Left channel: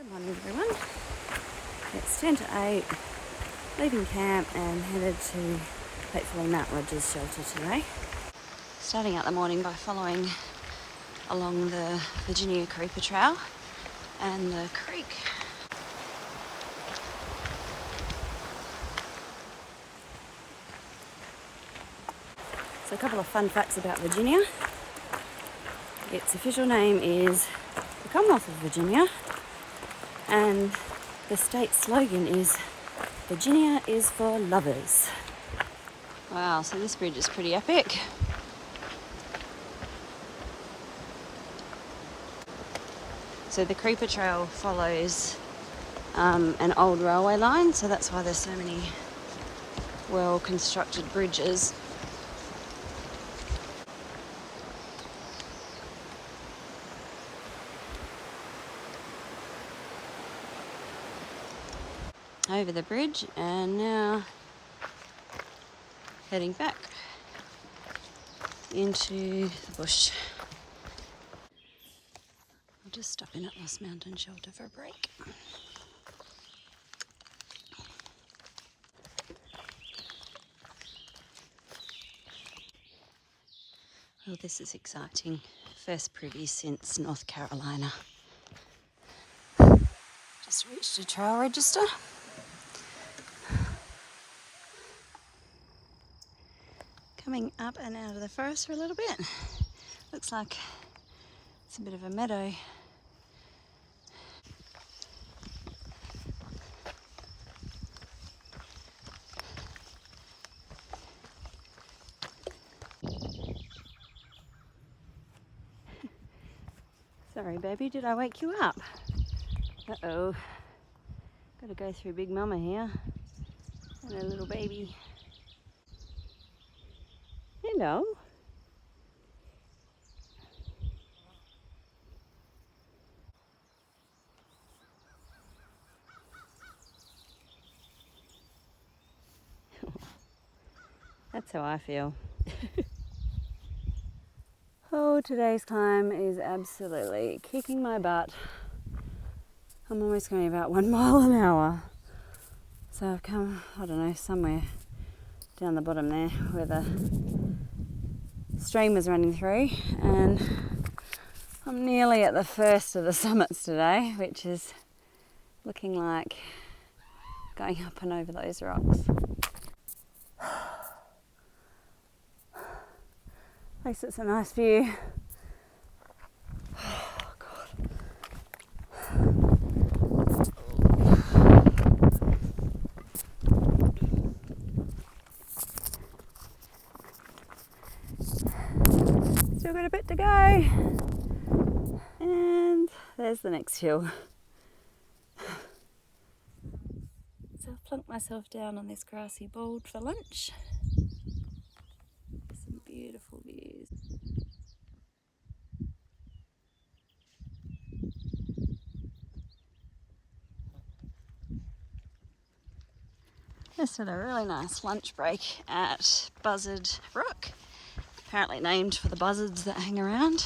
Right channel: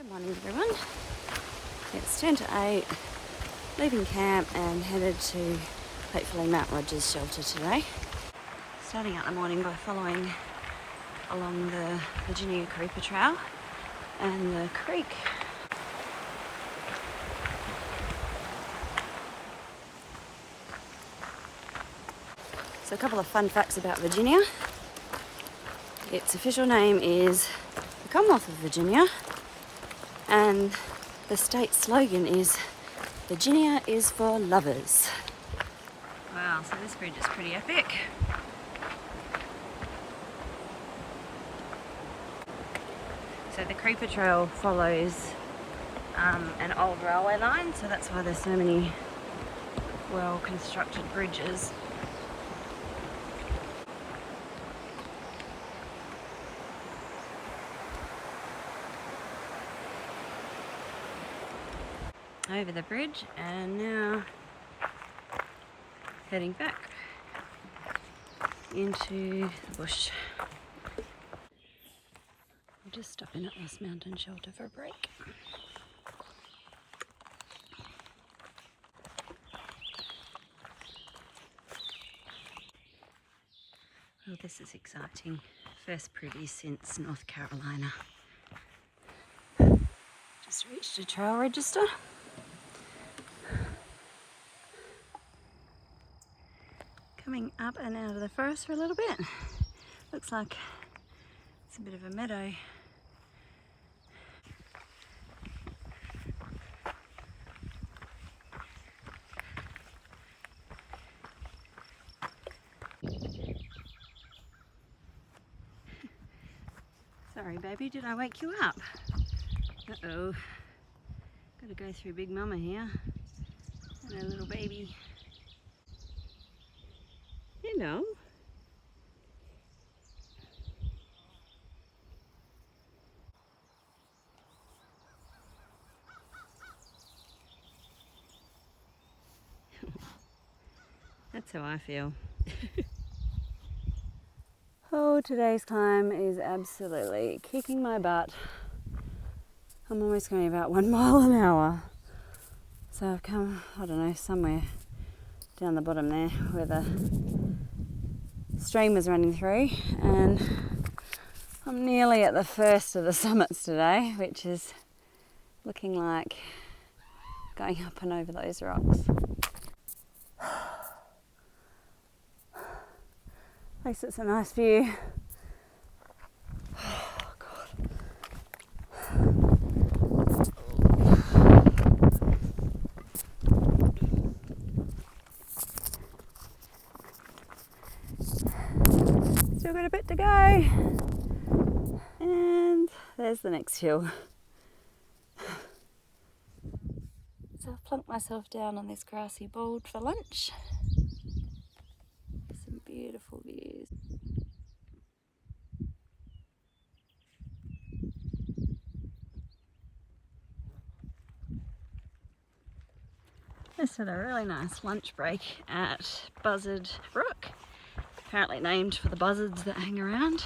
Good morning everyone. It's 10 to 8, leaving camp and headed to hopefully Mount Rogers shelter today. Starting out the morning by following along the Virginia Creeper Trail and the creek. So a couple of fun facts about Virginia. Its official name is the Commonwealth of Virginia, and the state slogan is Virginia is for lovers. Wow, so this bridge is pretty epic. So the Creeper Trail follows an old railway line, so that's why there's so many well-constructed bridges. Over the bridge, and now heading back into the bush. I'll just stop in at this mountain shelter for a break. Well, this is exciting. First privy since North Carolina. Just reached a trail register. Coming up and out of the forest for a little bit. Looks like it's a bit of a meadow. Sorry baby, did I wake you up? Uh-oh. Gotta go through Big Mama here and her little baby. Hello. That's how I feel. Oh, today's climb is absolutely kicking my butt. I'm almost going about 1 mile an hour. So I've come, I don't know, somewhere down the bottom there where the stream was running through, and I'm nearly at the first of the summits today, which is looking like going up and over those rocks. At least it's a nice view. Oh, God. Still got a bit to go. And there's the next hill. So I've plunked myself down on this grassy board for lunch. Some beautiful views. Just had a really nice lunch break at Buzzard Rock, apparently named for the buzzards that hang around.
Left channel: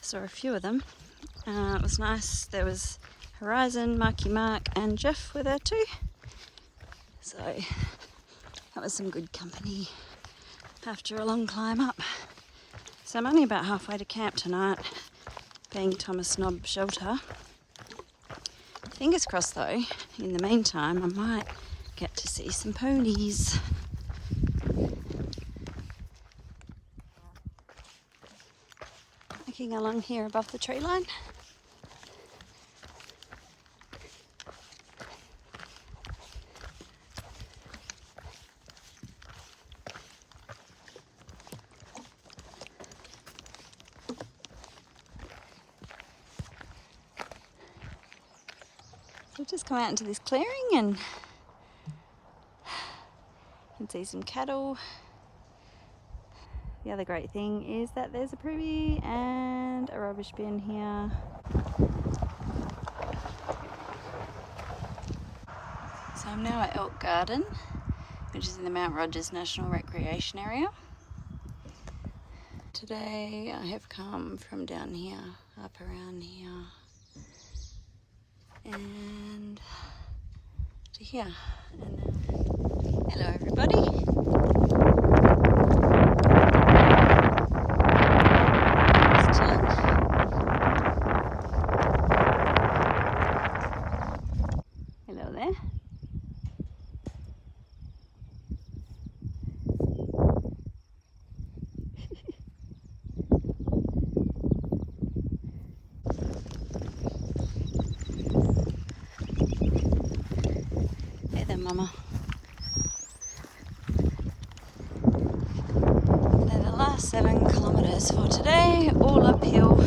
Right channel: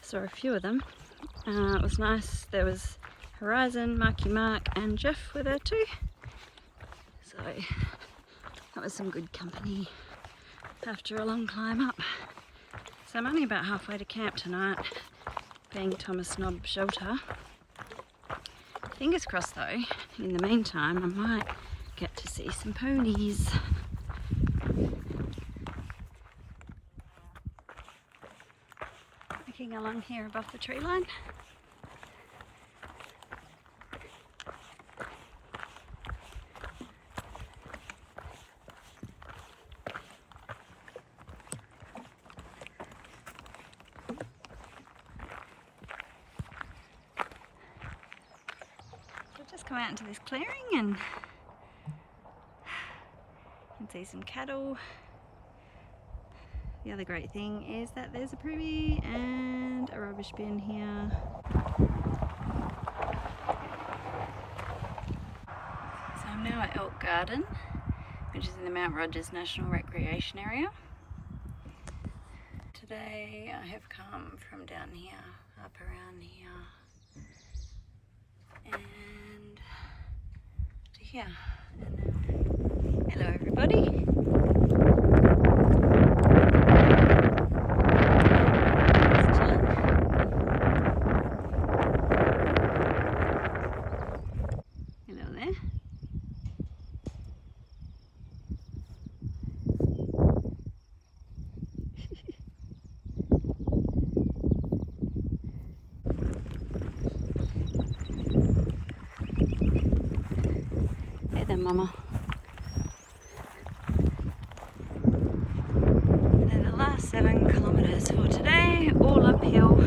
Saw a few of them. It was nice. There was Horizon, Marky Mark and Jeff with her too. So that was some good company after a long climb up. So I'm only about halfway to camp tonight, being Thomas Knob shelter. Fingers crossed though, in the meantime I might get to see some ponies. Looking along here above the tree line. We've just come out into this clearing and you can see some cattle. The other great thing is that there's a privy and a rubbish bin here. So I'm now at Elk Garden, which is in the Mount Rogers National Recreation Area. Today I have come from down here, up around here, here. And, hello everybody. Just chilling. Hello there. Hey there, Mama. They're the last 7 kilometres for today, all uphill.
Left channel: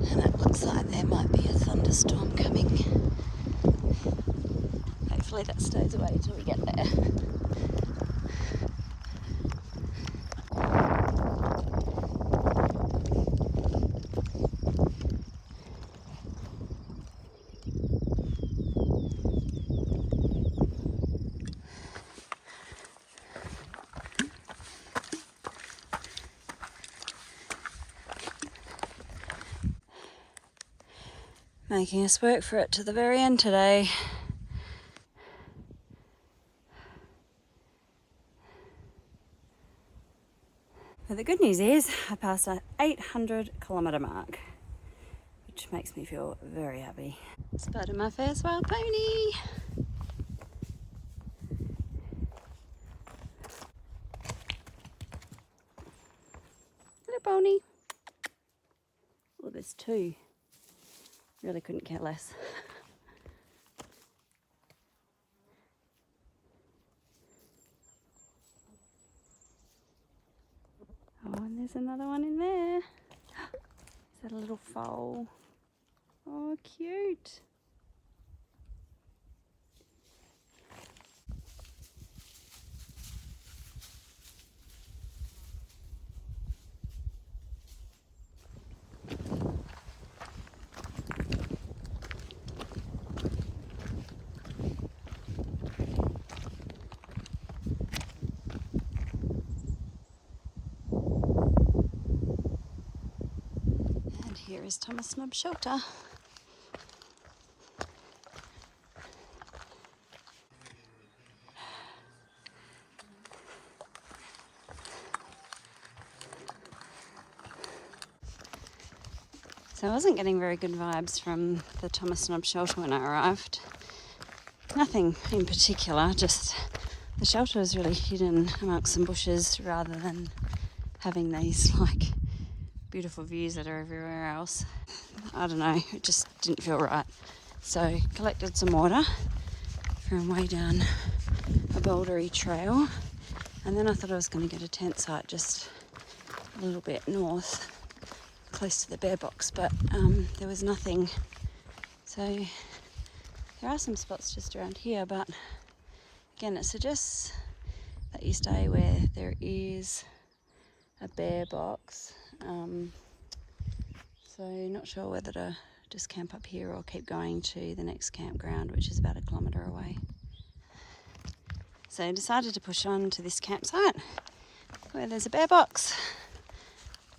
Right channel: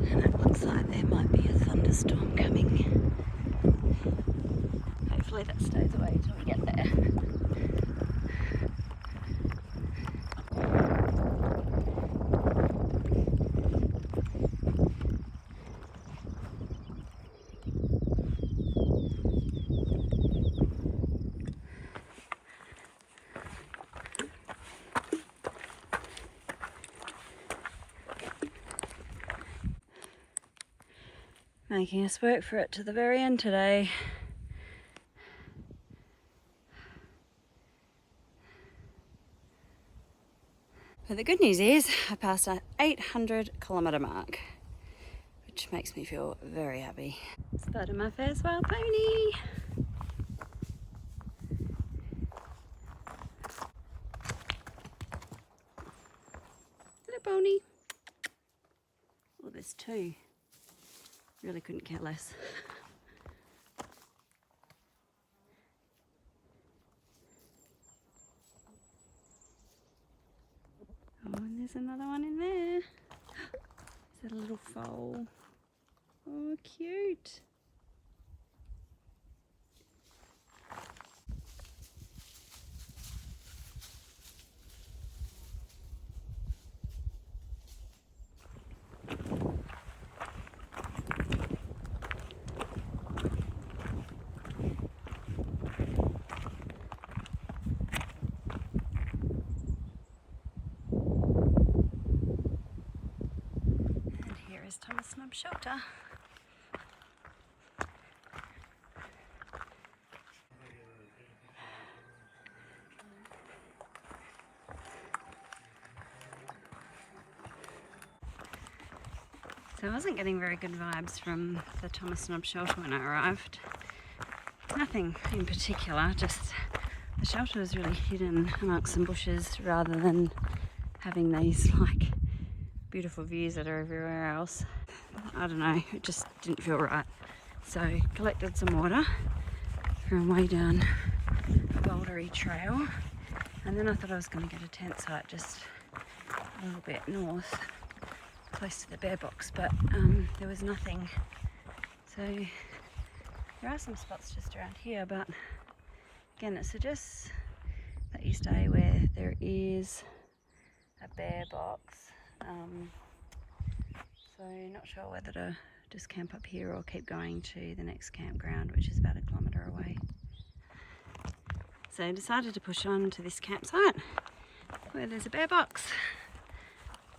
And it looks like there might be a thunderstorm coming. Hopefully that stays away until we get there. Making us work for it to the very end today. But the good news is I passed an 800 kilometre mark, which makes me feel very happy. Spotted my first wild pony. Hello, pony. Oh, there's 2. Really couldn't care less. Oh, and there's another one in there. Is that a little foal? Oh, cute. Here is Thomas Snob's shelter. So I wasn't getting very good vibes from the Thomas Snob shelter when I arrived. Nothing in particular, just the shelter was really hidden amongst some bushes rather than having these like beautiful views that are everywhere else. I don't know, it just didn't feel right. So collected some water from way down the bouldery trail, and then I thought I was going to get a tent site just a little bit north, close to the bear box, but there was nothing. So there are some spots just around here, but again it suggests that you stay where there is a bear box. So not sure whether to just camp up here or keep going to the next campground, which is about 1 kilometre away. So I decided to push on to this campsite where there's a bear box,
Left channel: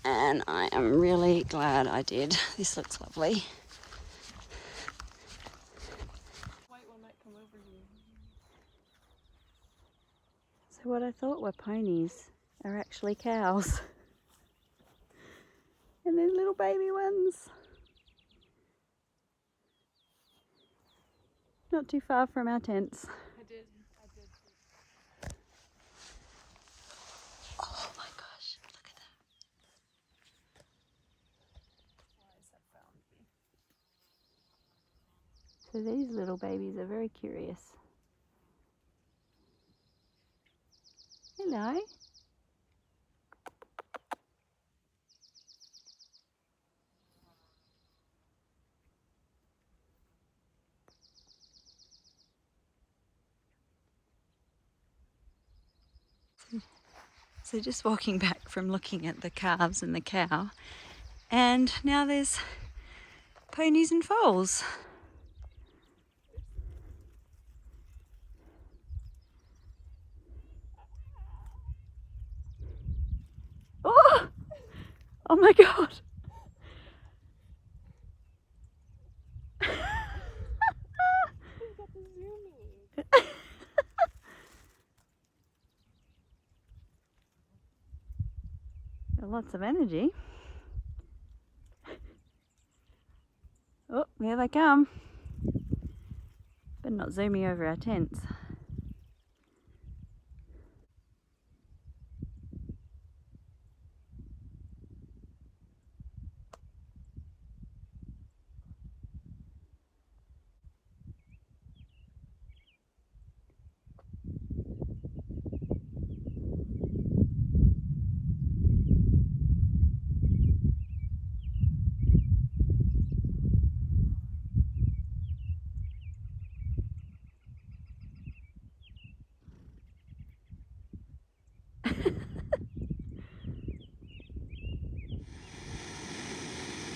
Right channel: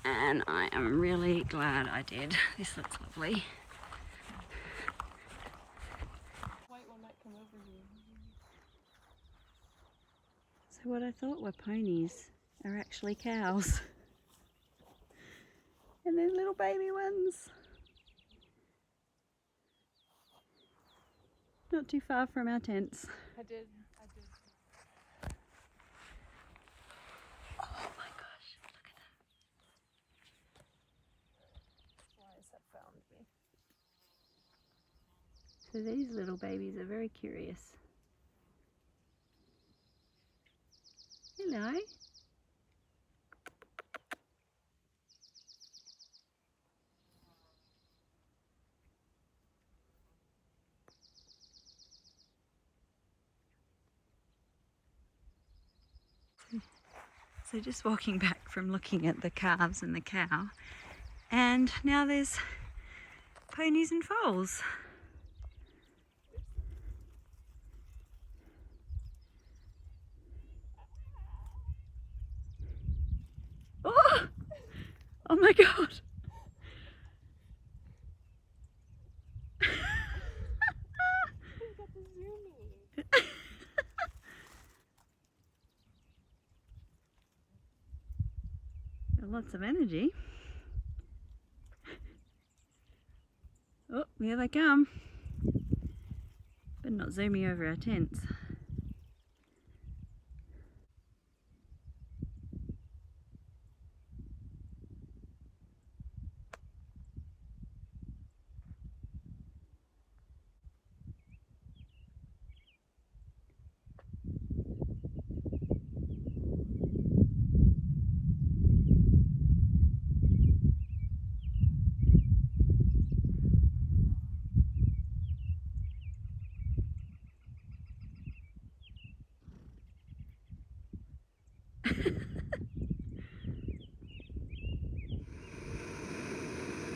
and I am really glad I did. This looks lovely. So what I thought were ponies are actually cows. And there's little baby ones. Not too far from our tents. I did. Oh my gosh, look at that. Flies have found me. So these little babies are very curious. Hello. So just walking back from looking at the calves and the cow, and now there's ponies and foals. Oh, oh my God. lots of energy. Oh, here they come. Better not zoom me over our tents.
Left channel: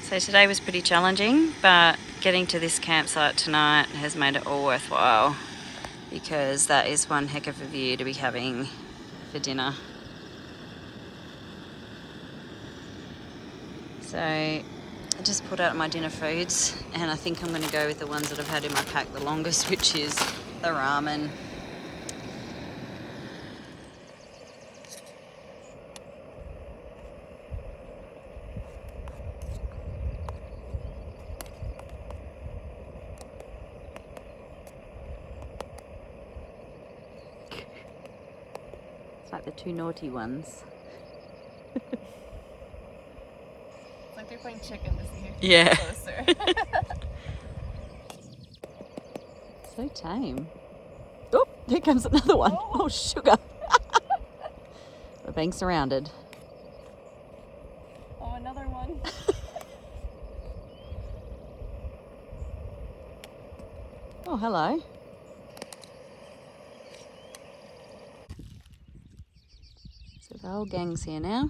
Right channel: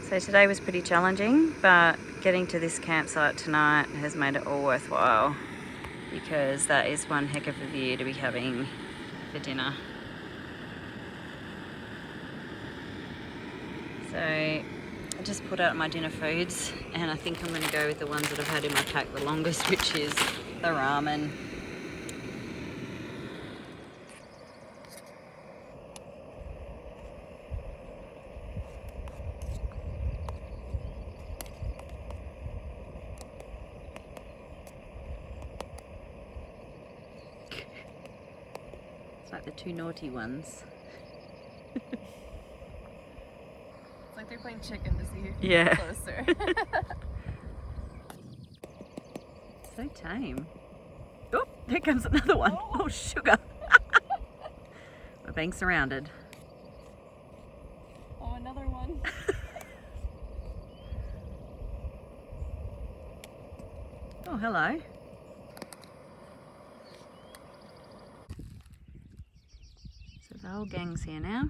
So today was pretty challenging, but getting to this campsite tonight has made it all worthwhile, because that is one heck of a view to be having for dinner. So I just pulled out my dinner foods, and I think I'm going to go with the ones that I've had in my pack the longest, which is the ramen. It's like the two naughty ones. It's like they're playing chicken to see who can Yeah. get closer. So tame. Oh, here comes another one. Oh, sugar. We're being surrounded. Oh, another one. Oh, hello. So the whole gang's here now.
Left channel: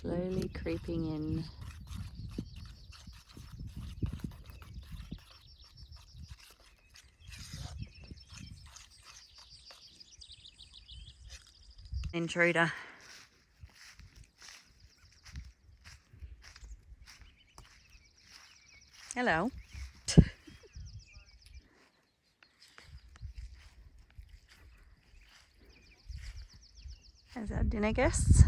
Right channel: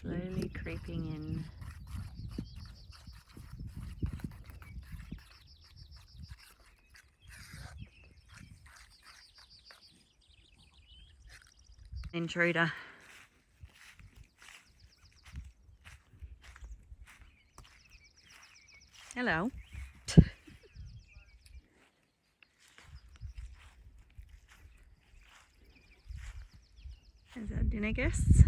Slowly creeping in. Intruder. Hello. There's our dinner guests.